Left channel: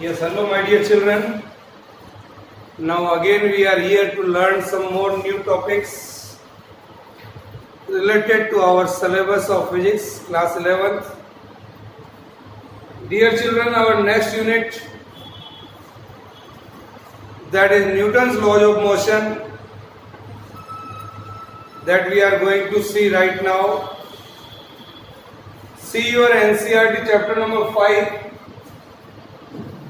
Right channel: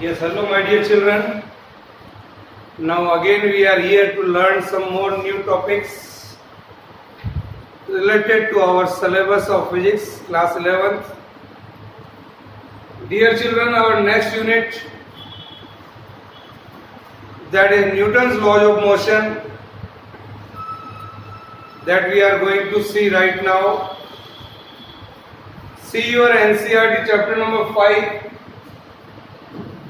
Yes, hello my dear children. Now again we are here to learn some more new topics related to our syllabus of physics, class 11th. Dear children, our next unit, that is Newton's laws of motion, that we are going to see right now. See your NCERT chapter number 5,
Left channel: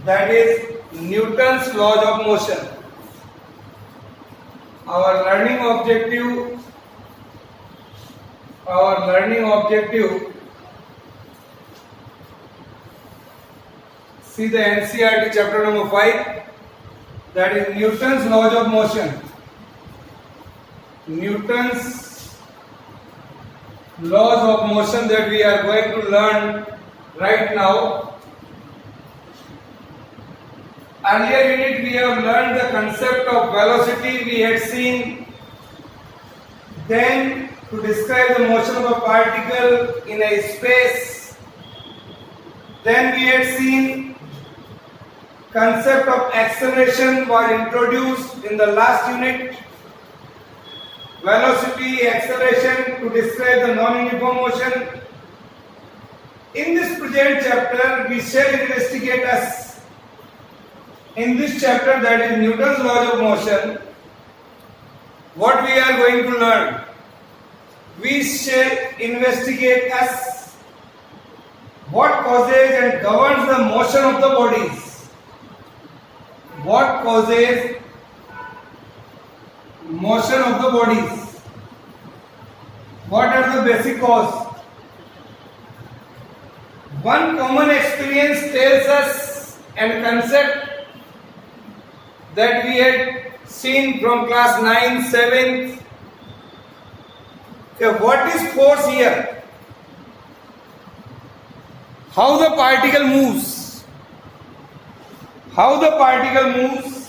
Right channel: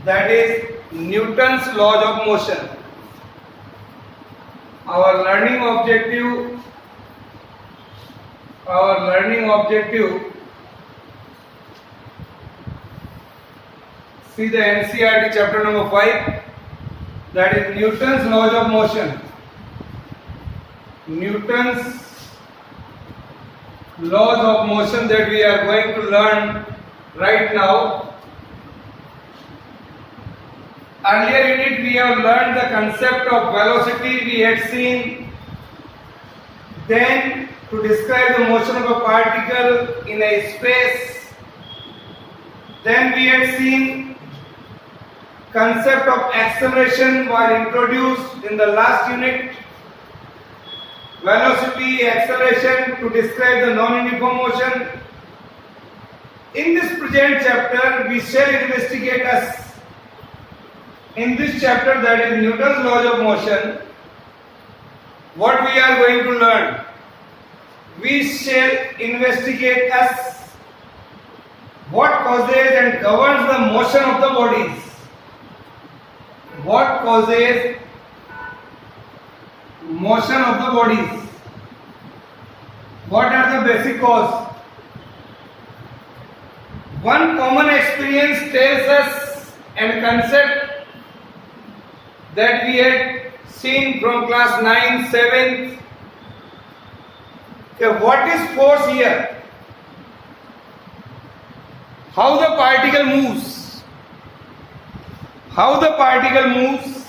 that is Newton's laws of motion. Our learning objective, see the NCERT chapter number 5, that is Newton's laws of motion. Newton's laws of motion that we are going to learn right now. Earlier unit we have learned the concept of velocity, we had seen. Then to describe the motion of a particle in a space. Then we had seen concept of acceleration was introduced in the last unit. Velocity, acceleration to describe the non-uniform motion. In this present chapter we shall investigate in this chapter, that is Newton's laws of motion, what we are going to learn. We shall investigate what causes and governs the motion of the bodies. What causes motion of the bodies? What are the basic causes? One common experience tells us and concept that we had seen from class 9, 7th. What is force here? How the particle moves. How the particle moves.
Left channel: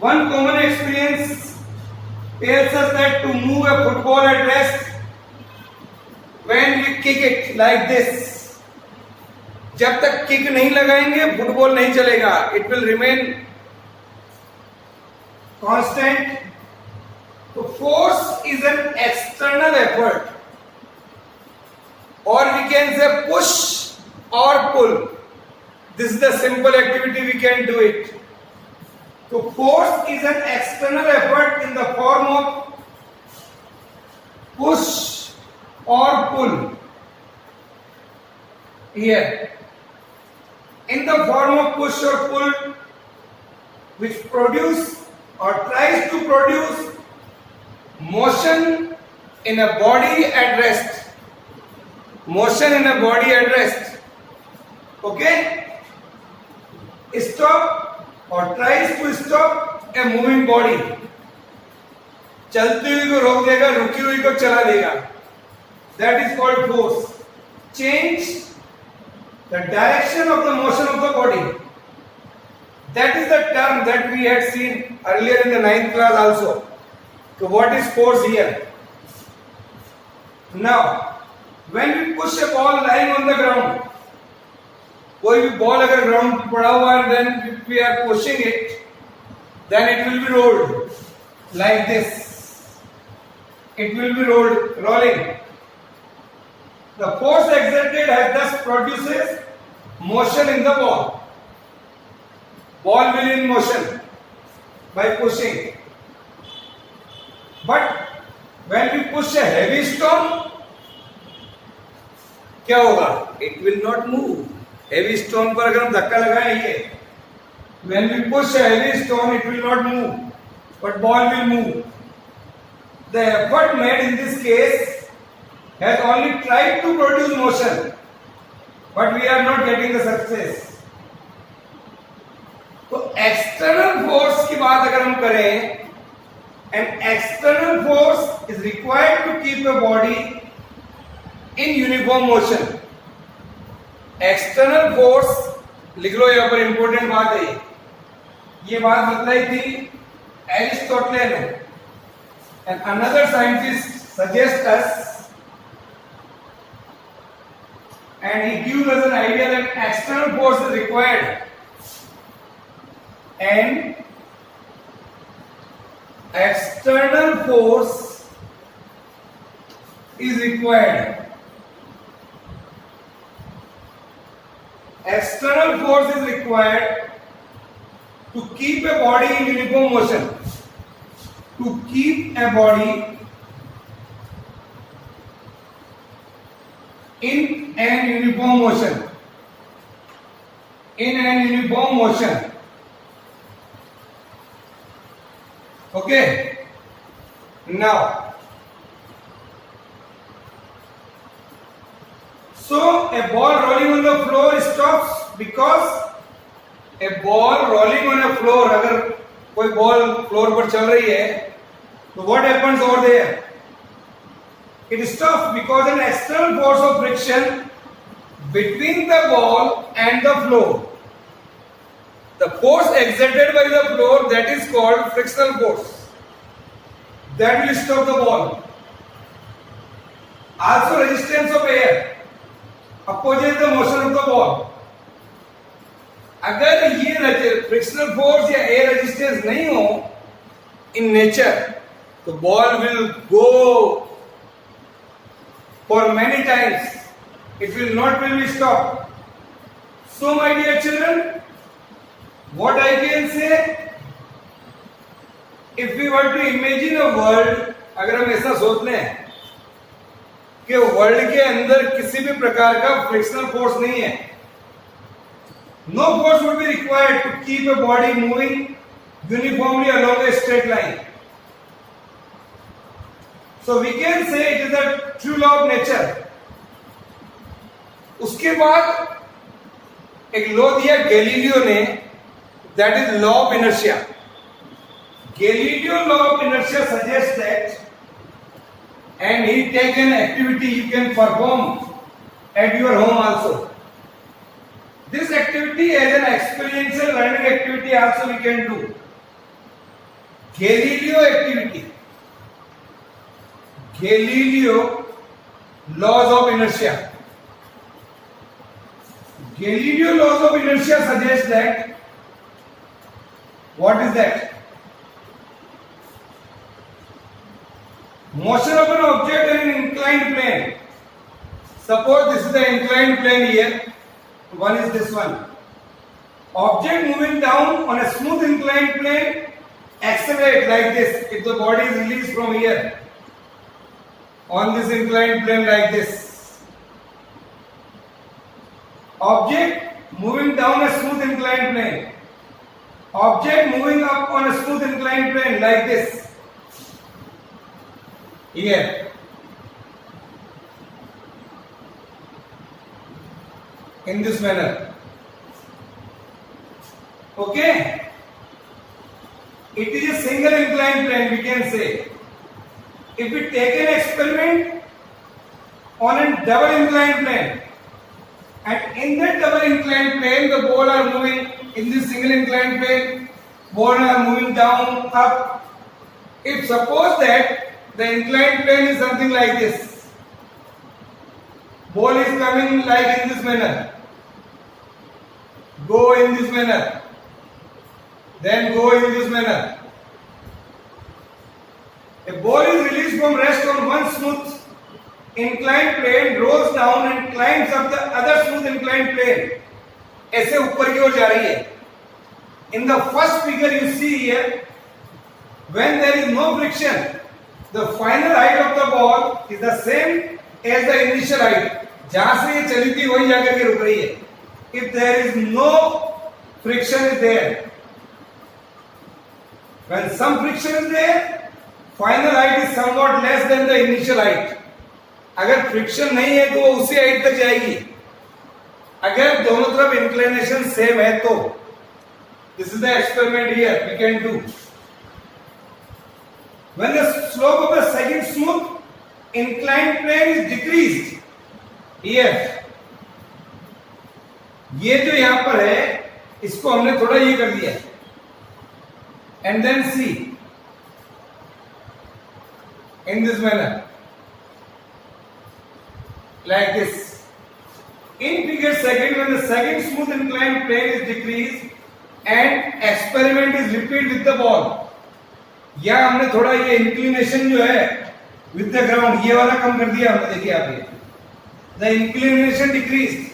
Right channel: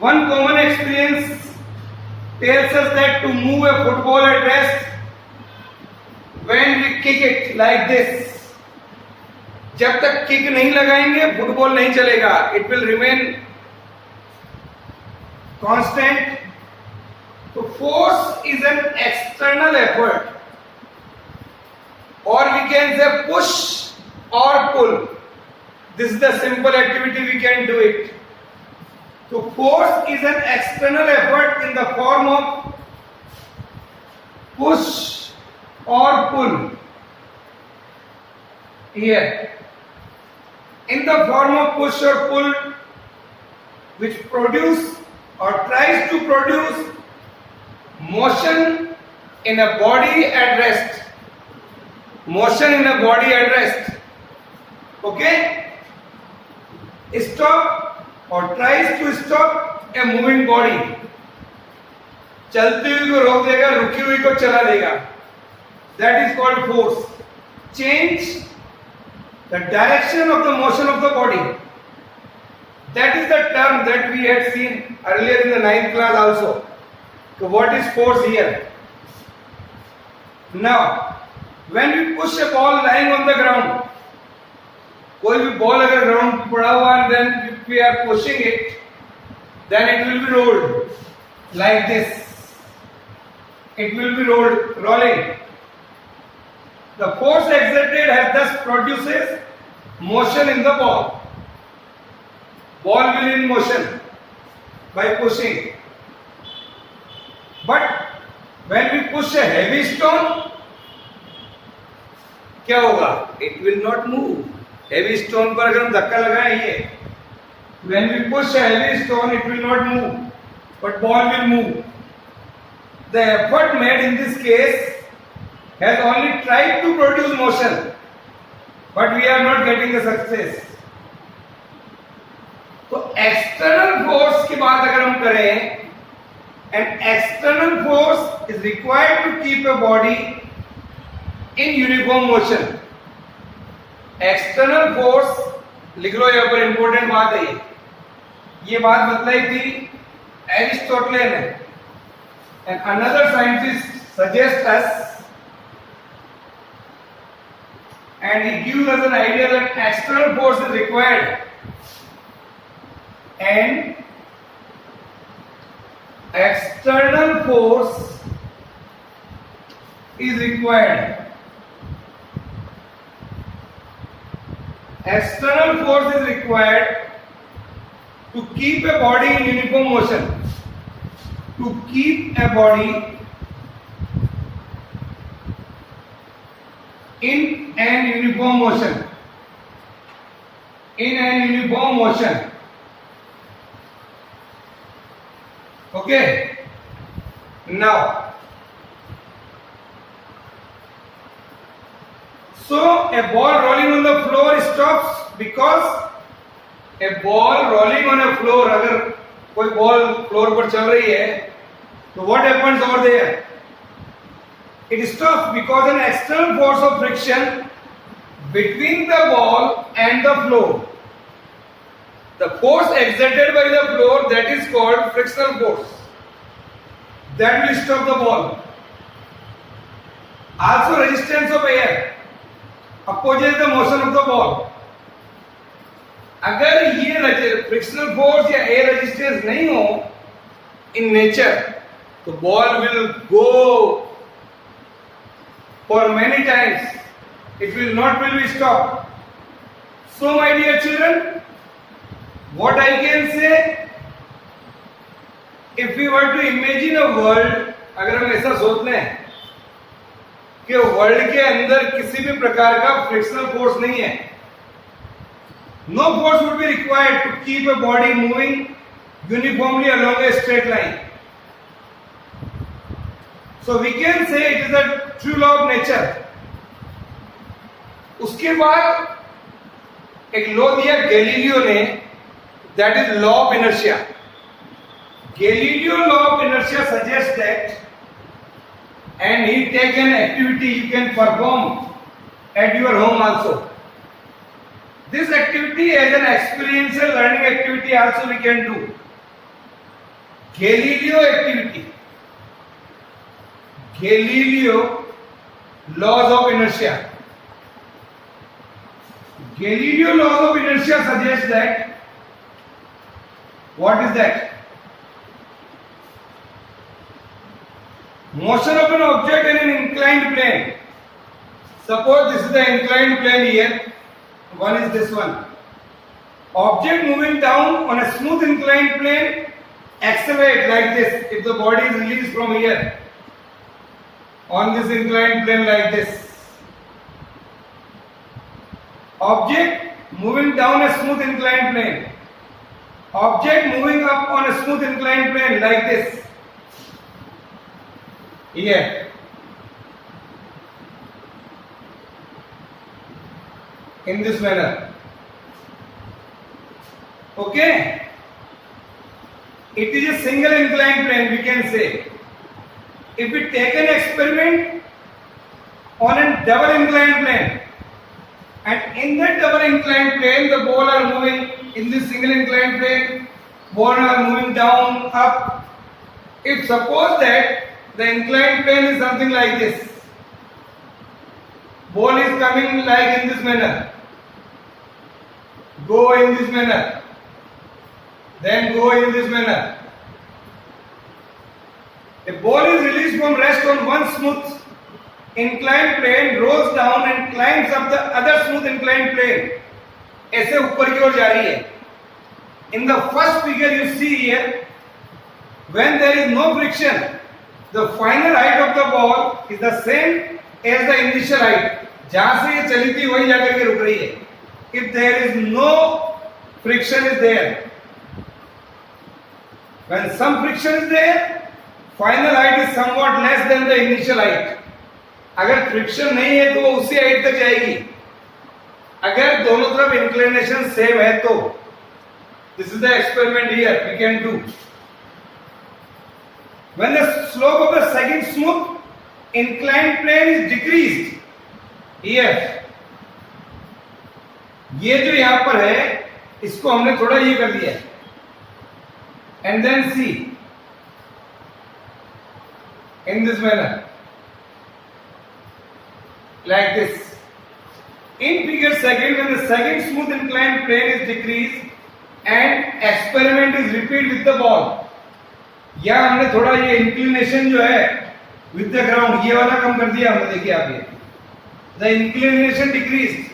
One common experience tells us that to move a football at rest, when we kick it like this, जब तक kick नहीं लगाएंगे football नहीं चलेगा. It will remain constant. So force is an external effort, or we can say push or pull. This is the simple activity, we can do it. So force is an external effort in the form of push or pull. Here, in the form of push or pull, which produce or tries to produce motion in a body at rest. Motion in a body at rest. Okay? Stop or tries to stop a moving body. चलती हुई को रोक देगा, रुकी हुई को चला देगा. That is called force. Change the direction of the motion of the body. That is the term that we had seen earlier in the 9th class also. So what is force here? Now, when we push a ball lying on the ground, कोई भी ball अगर ground पे पड़ा हुआ है, then if we are pushing it, then it will be rolled like this. It will be rolling. The force exerted has thus produces motion in the ball. Ball will in motion by pushing. But when we push a heavy stone, क्या होगा? It will not move. Heavy stone पर अगर हम धक्का लगाएं ये, when we push a heavy stone, it will not move, but ball will move. The effort made in this case has only tried to produce motion, but we are not getting the success. तो external force की बात अगर हम करें, an external force is required to keep a body in uniform motion. External force लिख लो, यहाँ पर important बात है. ये बात बतलाई थी एरिस्टोटल ने, and another scientist suggests us and he gives us an idea that external force is required and external force is required. External force is required to keep a body in uniform motion. To keep a body in an uniform motion. In an uniform motion. Okay. Now, so a ball rolling on the floor stops because a ball rolling on a floor, अगर कोई ball floor पर चल रही है तो what happens over there? It stops because an external force of friction between the ball and the floor. The force exerted by the floor, that is called frictional force. That will stop the ball. Also resistance of air opposes the motion of the ball. अगर ये frictional force या air resistance नहीं हो in nature तो ball will go for many times, it will not will be stop. So my dear children, what I can say, if we were to imagine a world, अगर हम ऐसा सोच लें कि world के अंदर किसी भी प्रकार का फ्रिक्शनल फोर्स नहीं है, no force would be required to keep a body moving uniformly along a straight line. So we can say it is a true law of nature. उसके बाद एक लॉ दिया गैलीलियो ने, that is law of inertia. Galileo law of inertia suggests that, and he take an activity you can perform at your home also. This activity as an experiential learning activity also we can do. Galileo activity. Galileo laws of inertia. Galileo laws of inertia suggest that, what is that? Motion of an object in an inclined plane. Suppose this is the inclined plane here. One is this one. Object moving down on a smooth inclined plane accelerate like this. If the body is released from here on this inclined plane like this. Object moving down a smooth inclined plane. Object moving up on a smooth inclined plane like this. Here. In this manner. Okay? It is a single inclined plane, we can say. If we take an experiment on a double inclined plane, and in that double inclined plane the ball are moving in this single inclined plane, ball are moving down, up. If suppose that the inclined plane is something like this, ball is coming like in this manner, go in this manner, then go in this manner. A ball is released from rest on one smooth inclined plane, rolls down and climbs up the other smooth inclined plane. ऐसे ऊपर की ओर जा रही है. In the first figure you see here, when there is no friction, the final height of the ball is the same as the initial height. जहां से ये चली थी वहीं जाकर के रुक रही है. If there is no friction is there, when some friction is there, final height is somewhat less than the initial height. अगर फ्रिक्शन नहीं है तो वो उसी हाइट तक जाएगी. अगर दोनों तरफ इंक्लिनेशन सेम है तो this is the experiment here we can do. When the slope of the second smooth inclined plane is decreased, here, ये जो यहां पर है इसको हमने थोड़ा ये कर दिया है. And then see, in this manner, like this. In figure second, when the second smooth inclined plane is decreased and experiment is repeat with the ball. या हमने थोड़ा ये इंक्लिनेशन जो है with the ground ये वाला कम कर दिया हमने, देखिए आप ये the inclination decreased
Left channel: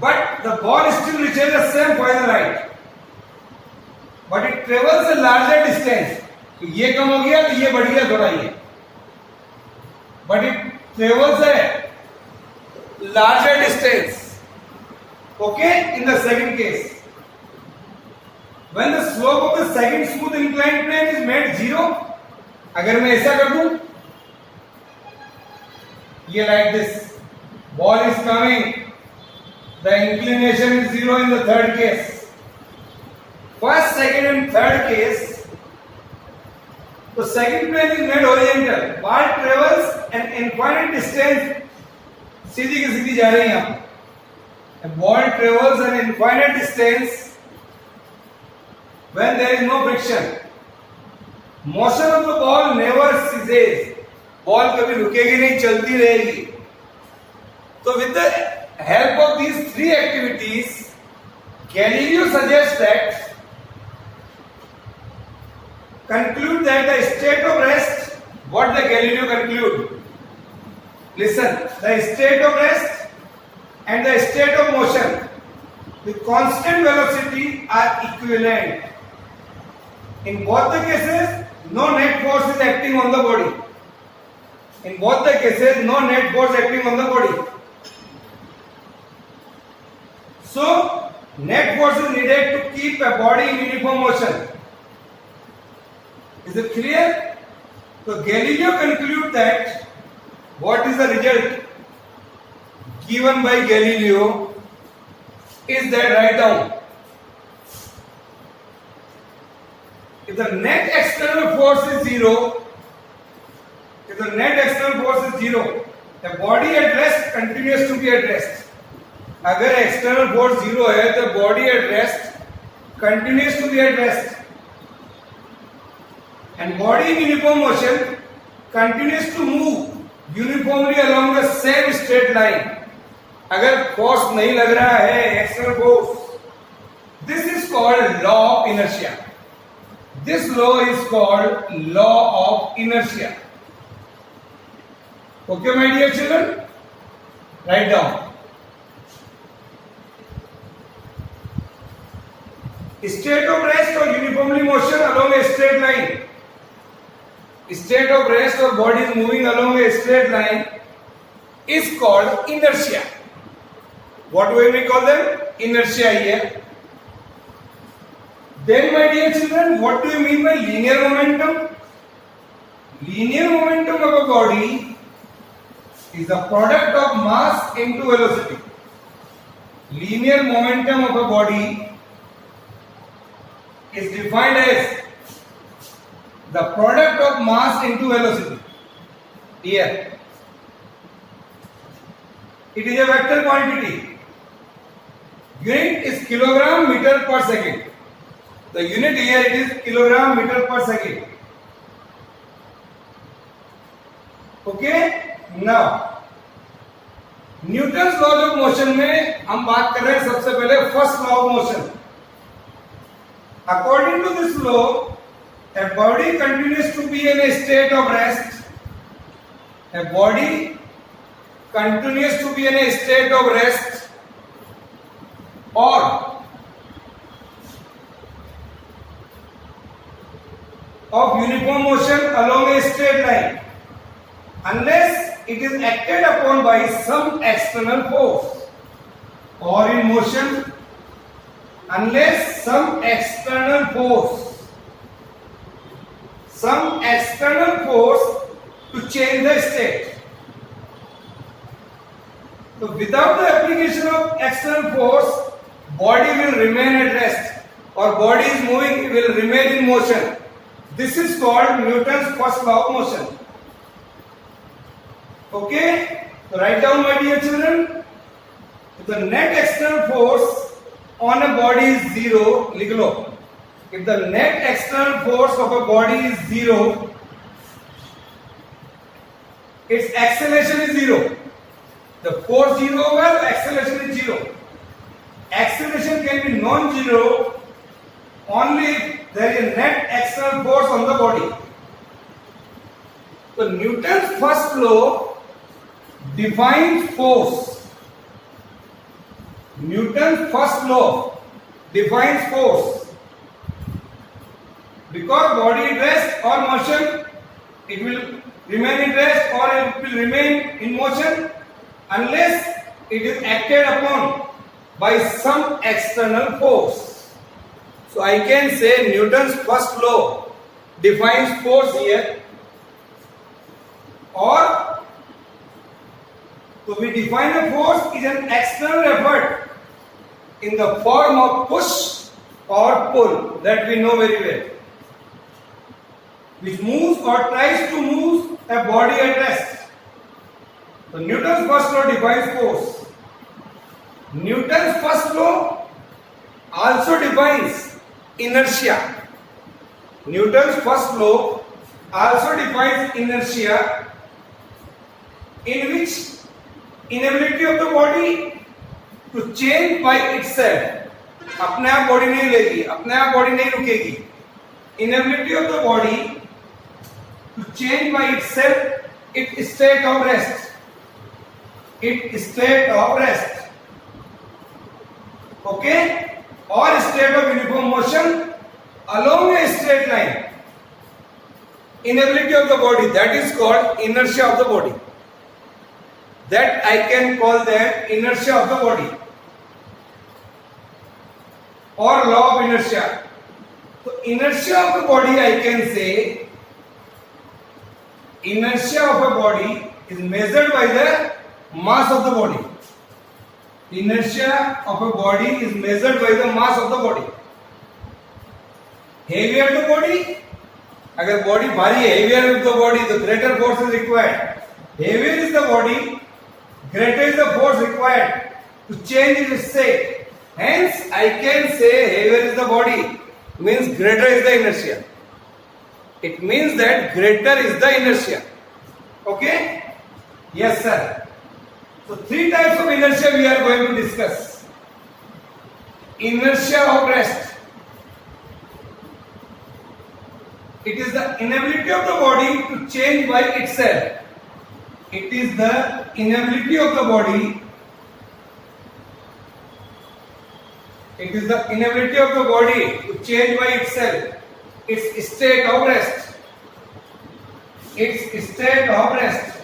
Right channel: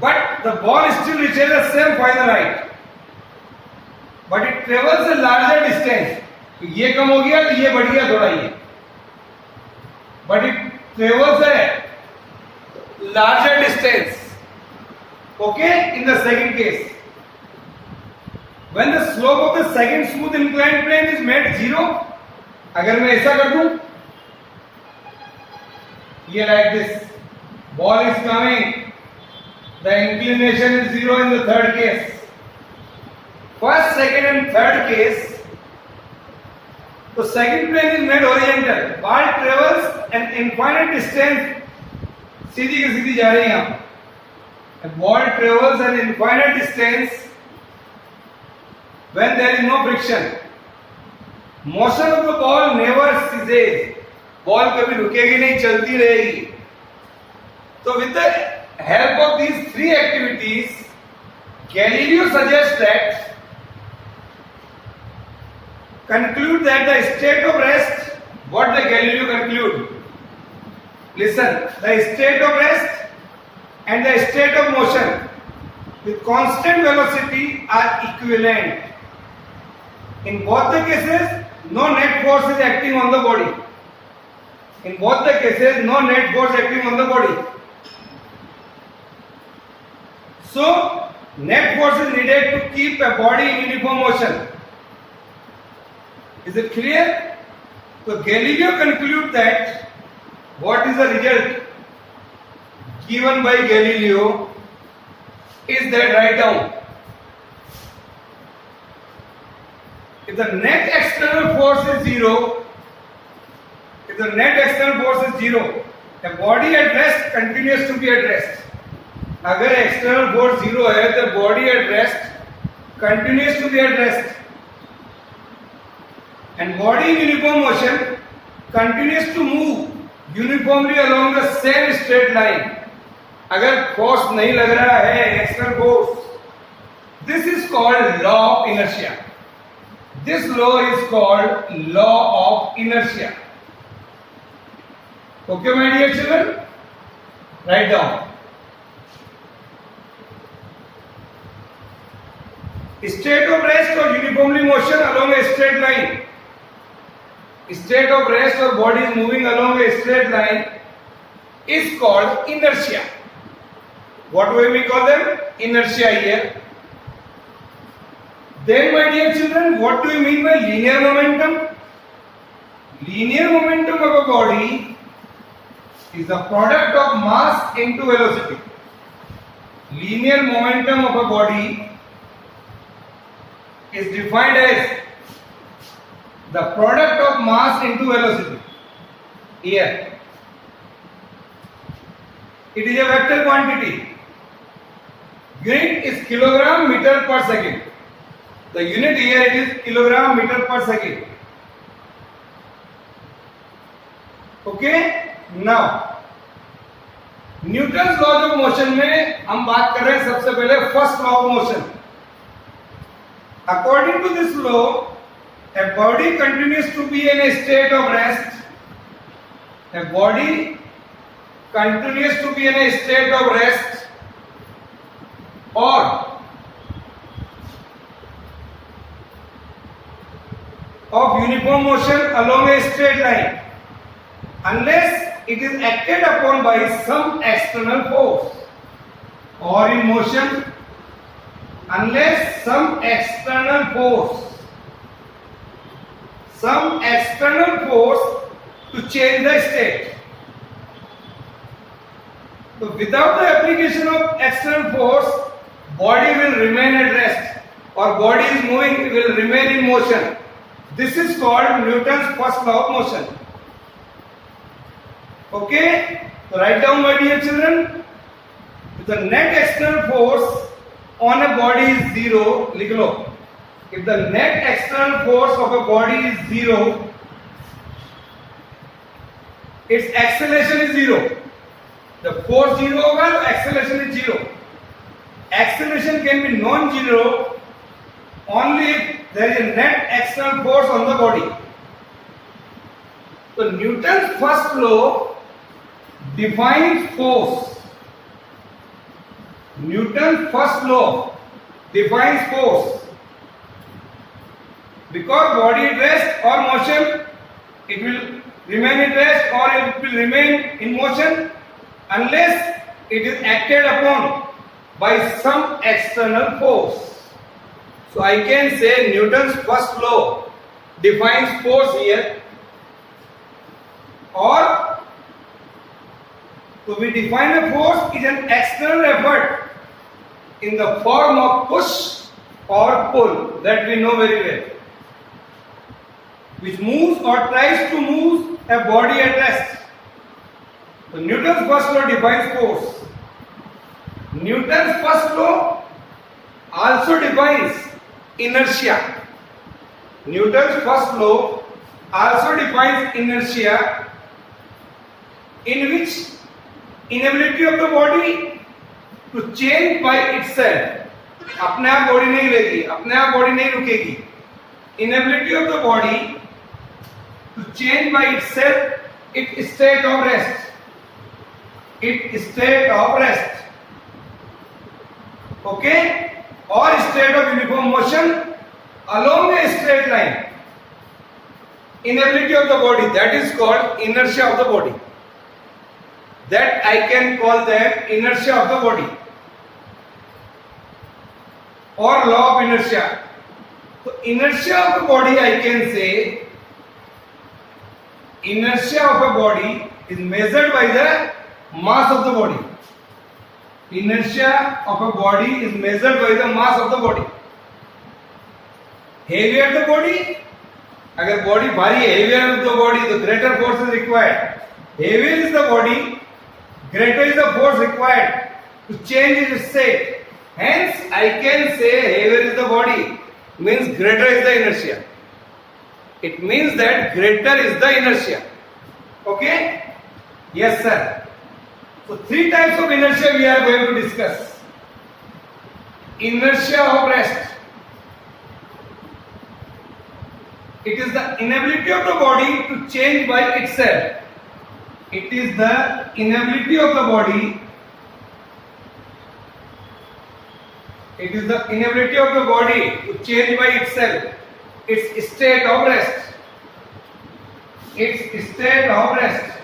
but the ball still reaches the same final height but it travels a larger distance. तो ये कम हो गया तो ये बढ़ गया थोड़ा ये, but it travels a larger distance. Okay, in the second case, when the slope of the second smooth inclined plane is made 0, अगर मैं ऐसा कर दूं, ये like this, ball is coming, the inclination is 0 in the third case. First, second and third case, the second plane is made horizontal, ball travels an infinite distance, सीधी की सीधी जा रही है यहाँ. A ball travels an infinite distance when there is no friction. Motion of the ball never ceases. Ball कभी रुकेगी नहीं, चलती रहेगी. So with the help of these three activities, Galileo suggests that conclude that the state of rest. What the Galileo conclude? Listen, the state of rest and the state of motion with constant velocity are equivalent. In both the cases, no net force is acting on the body. In both the cases, no net force acting on the body. So, net force is needed to keep a body in uniform motion. Is it clear? So, Galileo concludes that what is the result given by Galileo is that, write down, if the net external force is 0, if the net external force is 0, the body at rest continues to be at rest. अगर external force 0 है, the body at rest continues to be at rest. And body in uniform motion continues to move uniformly along the same straight line. अगर force नहीं लग रहा है, external force, this is called law of inertia. This law is called law of inertia. Okay my dear children, write down. State of rest और uniformly motion along a straight line. State of rest or body is moving along a straight line is called inertia. What do we call them? Inertia here. Then, my dear children, what do you mean by linear momentum? Linear momentum of a body is the product of mass into velocity. Linear momentum of a body is defined as the product of mass into velocity. Here, it is a vector quantity. Unit is kilogram meter per second. The unit here it is kilogram meter per second. Okay? Now, Newton's law of motion में हम बात कर रहे हैं सबसे पहले first law of motion. According to this law, a body continues to be in a state of rest. A body continues to be in a state of rest or of uniform motion along a straight line unless it is acted upon by some external force, or in motion unless some external force to change the state. So without the application of external force, body will remain at rest or body is moving will remain in motion. This is called Newton's first law of motion. Okay, so write down, my dear children. If the net external force on a body is 0, लिख लो. If the net external force of a body is 0, its acceleration is 0. The force 0 होगा, acceleration is 0. acceleration can be non-zero only if there is a net external force on the body. So Newton's first law defines force. Newton's first law defines force. Because body at rest or motion, it will remain at rest or it will remain in motion unless it is acted upon by some external force. So I can say Newton's first law defines force here, or to be define a force is an external effort in the form of push or pull, that we know very well, which moves or tries to move a body at rest. So Newton's first law defines force. Newton's first law also defines inertia. Newton's first law also defines inertia, in which inability of the body to change by itself. अपने आप body नहीं लेगी, अपने आप body नहीं रुकेगी. Inability of the body to change by itself its state of rest. Its state of rest. Okay? Or state of uniform motion along a straight line. Inability of the body, that is called inertia of the body. That I can call that inertia of the body, or law of inertia. So inertia of the body, I can say inertia of a body is measured by the mass of the body. Inertia of a body is measured by the mass of the body. Heavier the body, अगर body भारी है, heavier is the body, the greater force is required. Heavier is the body, greater is the force required to change its state. Hence, I can say heavier is the body means greater is the inertia. It means that greater is the inertia. Okay? Yes, sir. So, three types of inertia we are going to discuss. Inertia of rest. It is the inability of the body to change by itself. It is the inability of the body. It is the inability of the body to change by itself. Its state of rest. Its state of rest.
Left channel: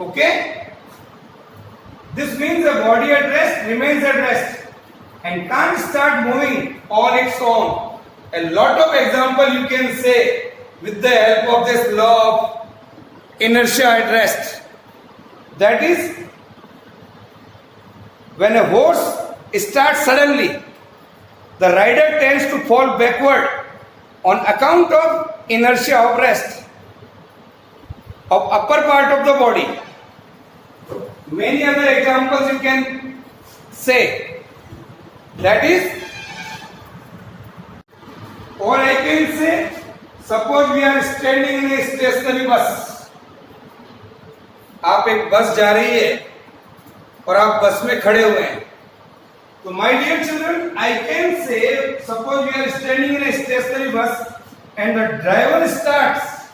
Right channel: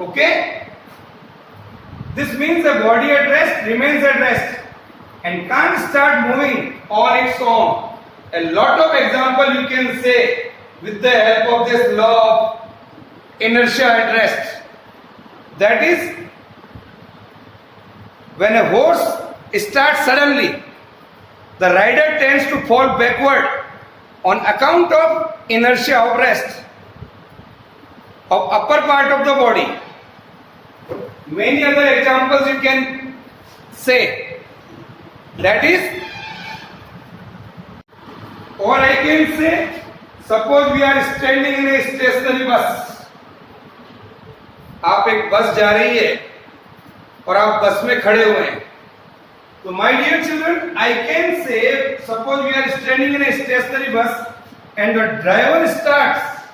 Okay? This means the body at rest remains at rest and can't start moving on its own. A lot of example you can say with the help of this law of inertia at rest. That is, when a horse starts suddenly, the rider tends to fall backward on account of inertia of rest of upper part of the body. Many other examples you can say. That is, or I can say, suppose we are standing in a stationary bus. आप एक बस जा रही है और आप बस में खड़े हुए हैं. तो my dear children, I can say, suppose we are standing in a stationary bus and the driver starts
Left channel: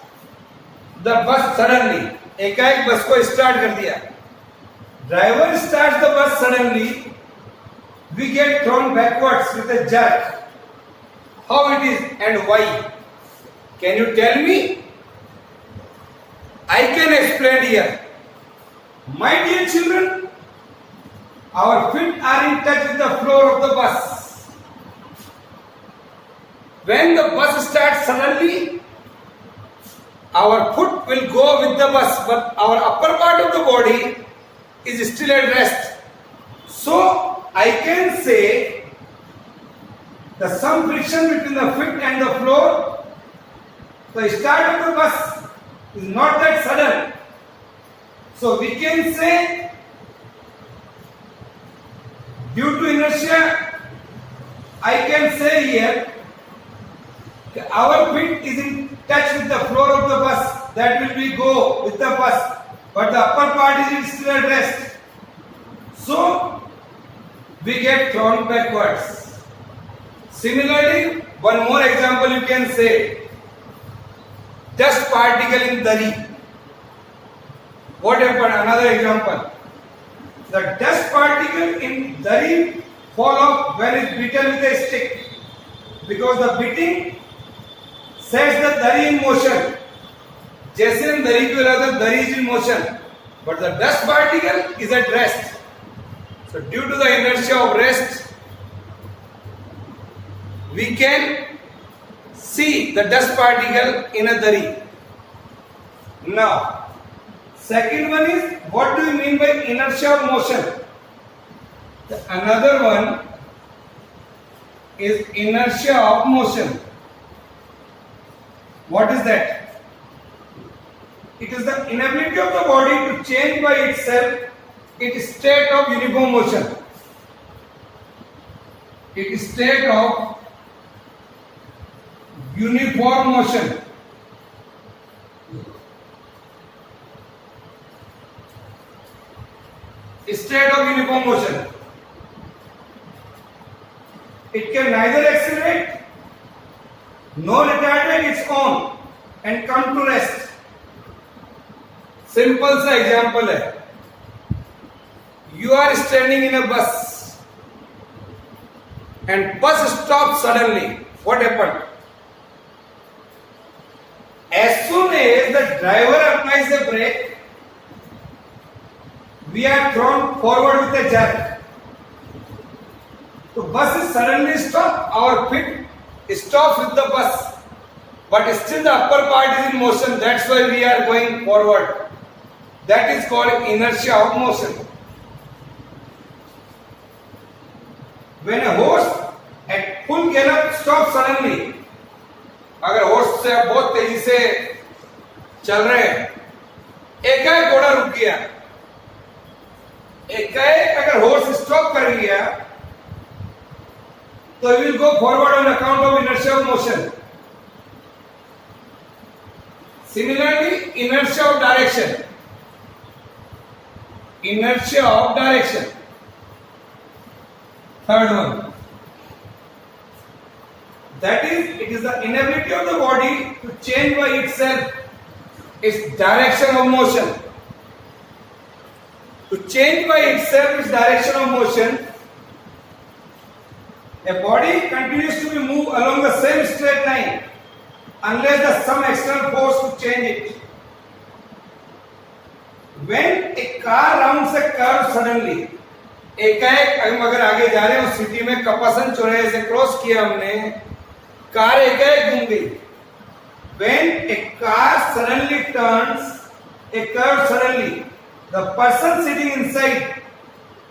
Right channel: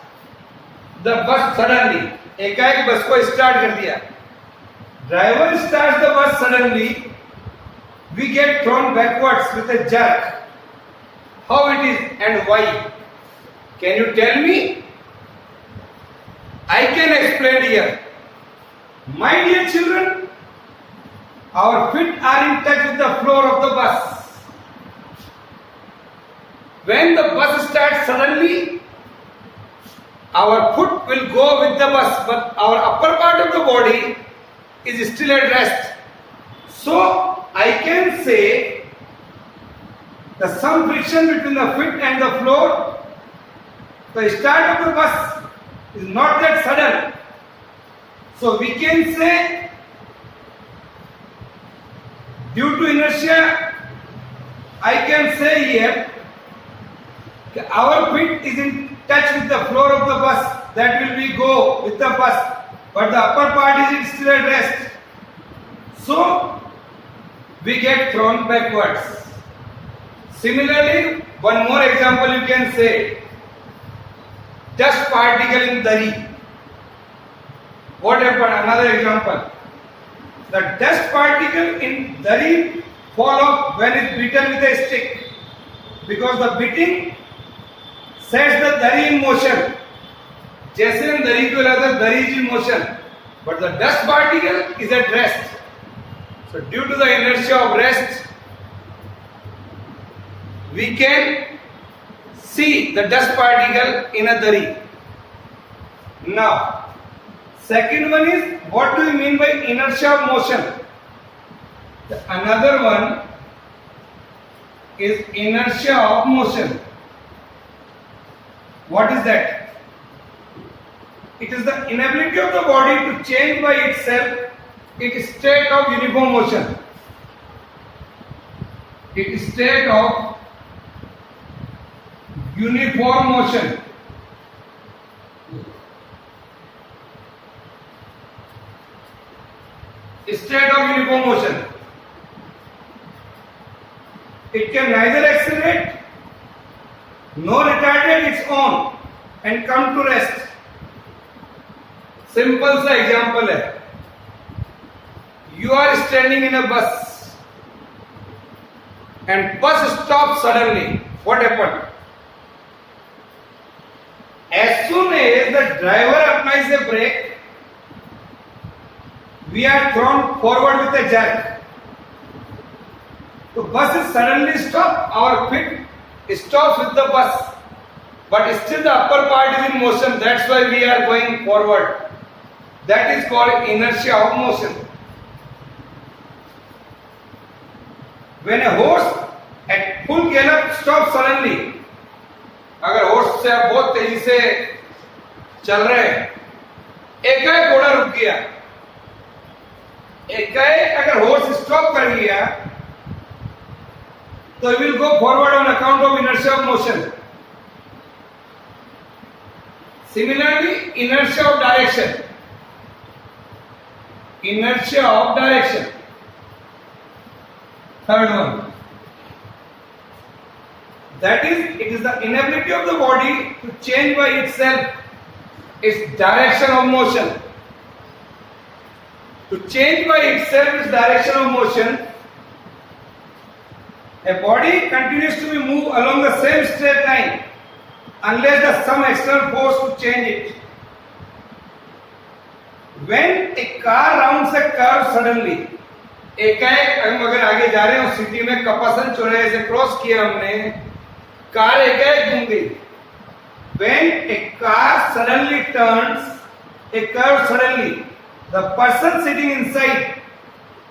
the bus suddenly. एकाएक बस को स्टार्ट कर दिया. Driver starts the bus suddenly. We get thrown backwards with a jerk. How it is and why? Can you tell me? I can explain here. My dear children, our feet are in touch with the floor of the bus. When the bus starts suddenly, our foot will go with the bus, but our upper part of the body is still at rest. So, I can say the some friction between the feet and the floor, the start of the bus is not that sudden. So we can say due to inertia, I can say here that our feet is in touch with the floor of the bus, that will be go with the bus, but the upper part is still at rest. So we get thrown backwards. Similarly, one more example you can say, dust particle in dari. What happened? Another example. The dust particle in dari fall off when it's beaten with a stick, because the beating sets the dari in motion. जैसे हम दरी को हिलाते हैं, दरी is in motion, but the dust particle is at rest. So due to the inertia of rest, we can see the dust particle in a dari. Now, second one is, what do you mean by inertia of motion? Another one is inertia of motion. What is that? It is the inability of the body to change by itself its state of uniform motion. Its state of uniform motion. State of uniform motion. It can neither accelerate nor retard its own and come to rest. Simple सा example है, you are standing in a bus and bus stop suddenly. What happened? As soon as the driver applies the brake, we are thrown forward with a jerk. तो bus is suddenly stop, our feet stop with the bus, but still the upper part is in motion. That's why we are going forward. That is called inertia of motion. When a horse at full gallop stops suddenly, अगर horse से आप बहुत तेजी से चल रहे हैं, एकाएक घोड़ा रुक गया, एकाएक अगर horse stop कर लिया, तो he will go forward on account of inertia of motion. Similarly, inertia of direction. Inertia of direction. Third one. That is, it is the inability of the body to change by itself its direction of motion. To change by itself its direction of motion, a body continues to be moved along the same straight line unless there is some external force to change it. When a car rounds a curve suddenly, एकाएक हम अगर आगे जा रहे हैं city में, कपासन चौराहे से क्रॉस किया हमने, कार एकाएक घूम गई. When a car suddenly turns a curve suddenly, the person sitting inside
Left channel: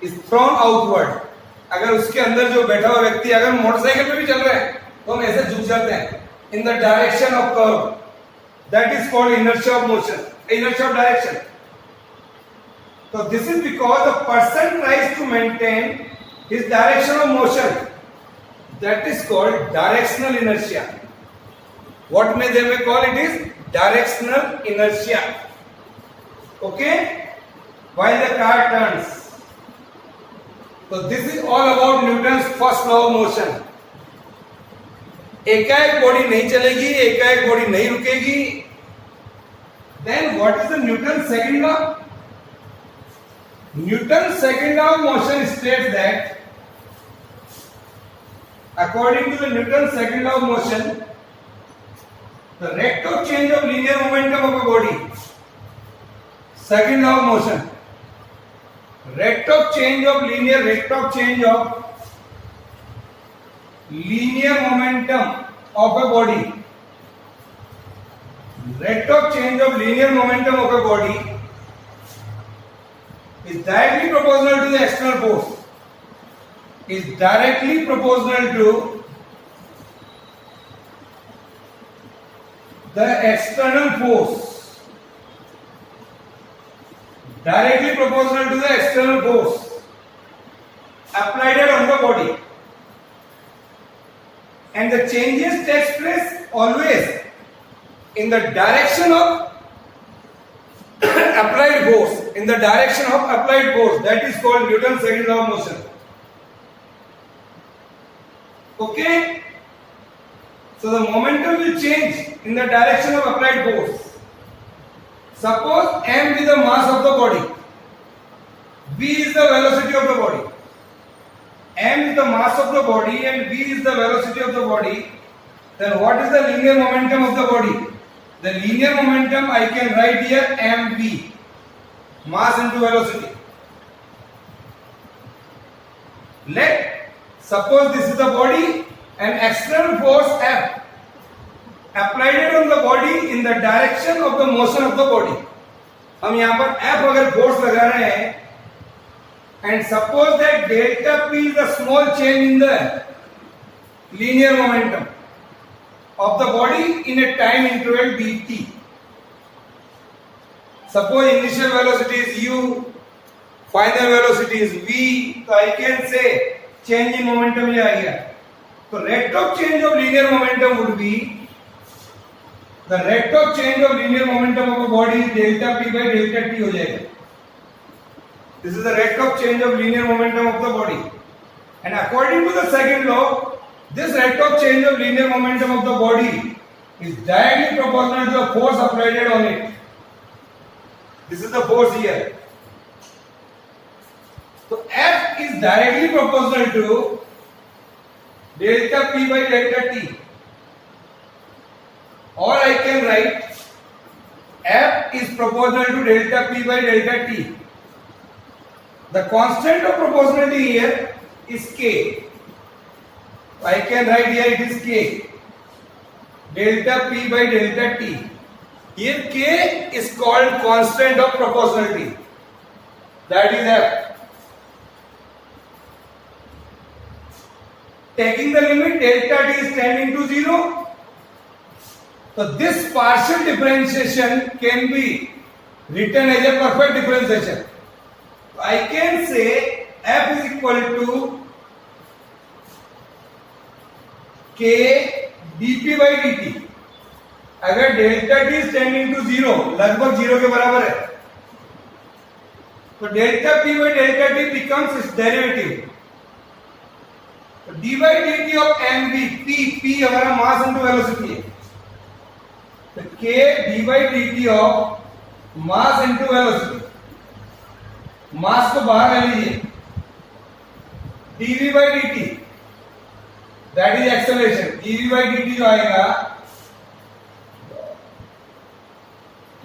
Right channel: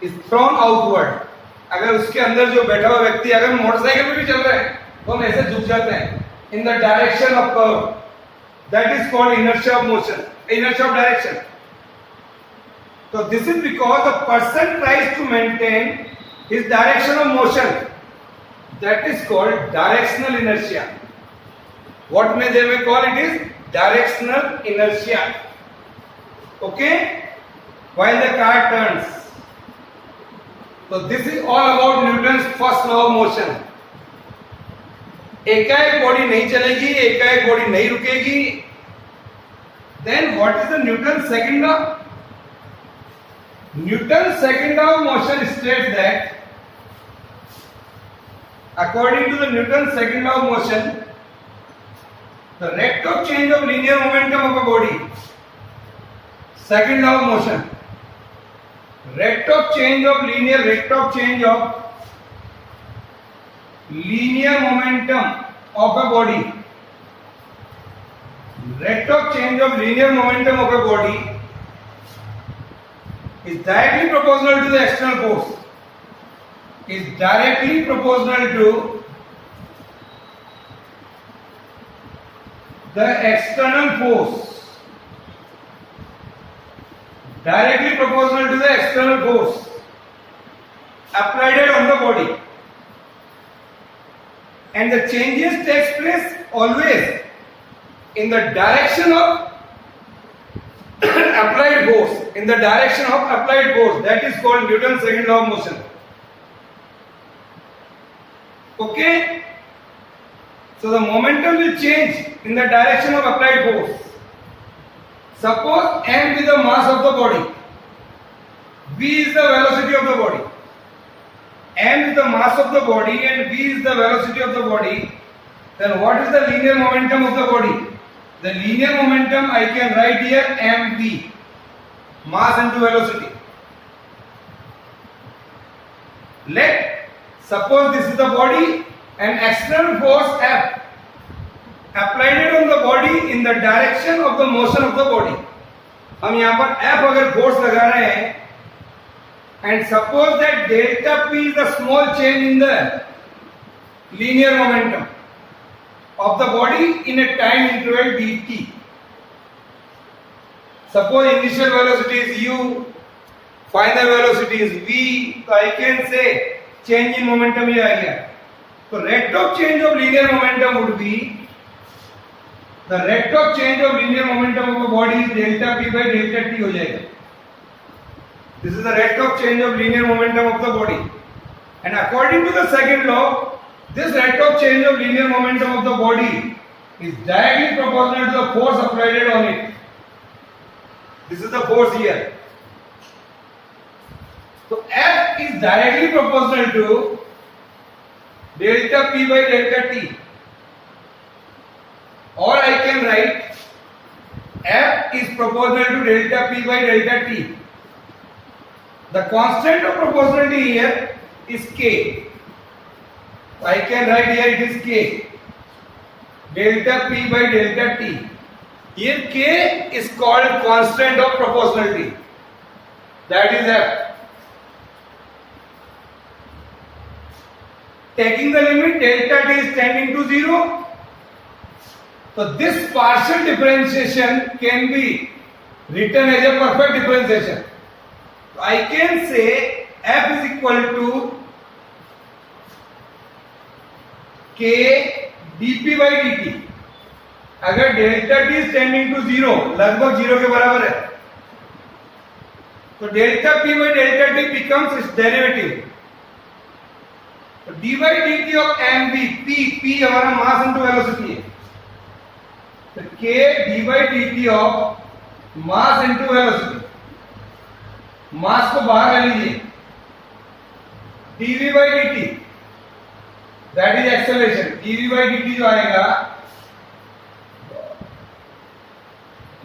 is thrown outward. अगर उसके अंदर जो बैठा हुआ व्यक्ति, अगर मोटरसाइकिल पे भी चल रहा है, तो हम ऐसे झुक जाते हैं in the direction of curve. That is called inertia of motion, inertia of direction. So this is because the person tries to maintain his direction of motion. That is called directional inertia. What may they may call it is directional inertia. Okay? While the car turns. So this is all about Newton's first law of motion. एकाएक body नहीं चलेगी, एकाएक body नहीं रुकेगी. Then what is the Newton's second law? Newton's second law of motion states that, according to the Newton's second law of motion, the rate of change of linear momentum of a body, second law of motion, rate of change of linear momentum of a body, rate of change of linear momentum of a body is directly proportional to the external force. Is directly proportional to the external force. Directly proportional to the external force applied on the body. And the changes takes place always in the direction of applied force, in the direction of applied force, that is called Newton's second law of motion. Okay? So the momentum will change in the direction of applied force. Suppose m is the mass of the body, v is the velocity of the body. M is the mass of the body and v is the velocity of the body. Then what is the linear momentum of the body? The linear momentum I can write here mv, mass into velocity. Let suppose this is the body and external force F applied it on the body in the direction of the motion of the body. हम यहाँ पर F अगर force लगा रहे हैं and suppose that delta P is a small change in the linear momentum of the body in a time interval dt. Suppose initial velocity is u, final velocity is v, so I can say change in momentum ये आ गया. So rate of change of linear momentum would be, the rate of change of linear momentum of the body is delta p by delta t हो जाएगा. This is the rate of change of linear momentum of the body. And according to the second law, this rate of change of linear momentum of the body is directly proportional to the force applied on it. This is the force here. So F is directly proportional to delta P by delta T. Or I can write F is proportional to delta P by delta T. The constant of proportionality here is K. I can write here it is K. Delta P by delta T. Here K is called constant of proportionality. That is F. Taking the limit delta T is tending to 0. So this partial differentiation can be written as a perfect differentiation. So I can say F is equal to K dP by dt. अगर delta T is tending to 0, लगभग 0 के बराबर है, तो delta P by delta T becomes its derivative. तो d by dt of mv, P हमारा mass into velocity है, तो K d by dt of mass into velocity, मास को बाहर ले लीजिए, dv by dt, that is acceleration. dv by dt जो आएगा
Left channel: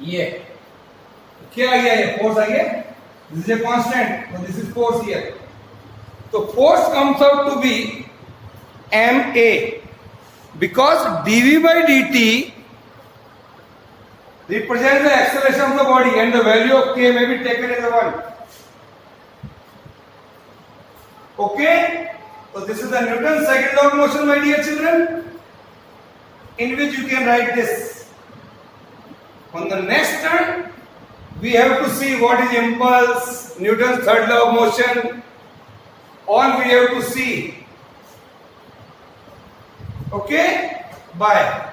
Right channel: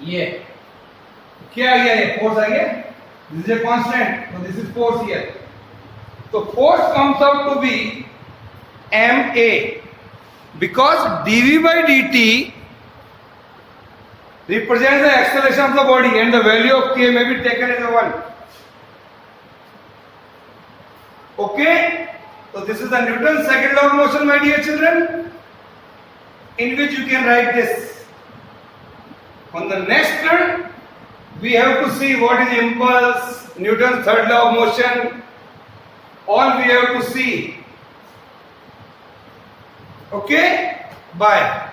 ये क्या आ गया, ये फोर्स आ गया. This is a constant, so this is force here. So force comes out to be ma because dv by dt represents the acceleration of the body and the value of k may be taken as a 1. Okay, so this is the Newton's second law of motion, my dear children, in which you can write this. On the next turn, we have to see what is impulse, Newton's third law of motion, all we have to see. Okay, bye.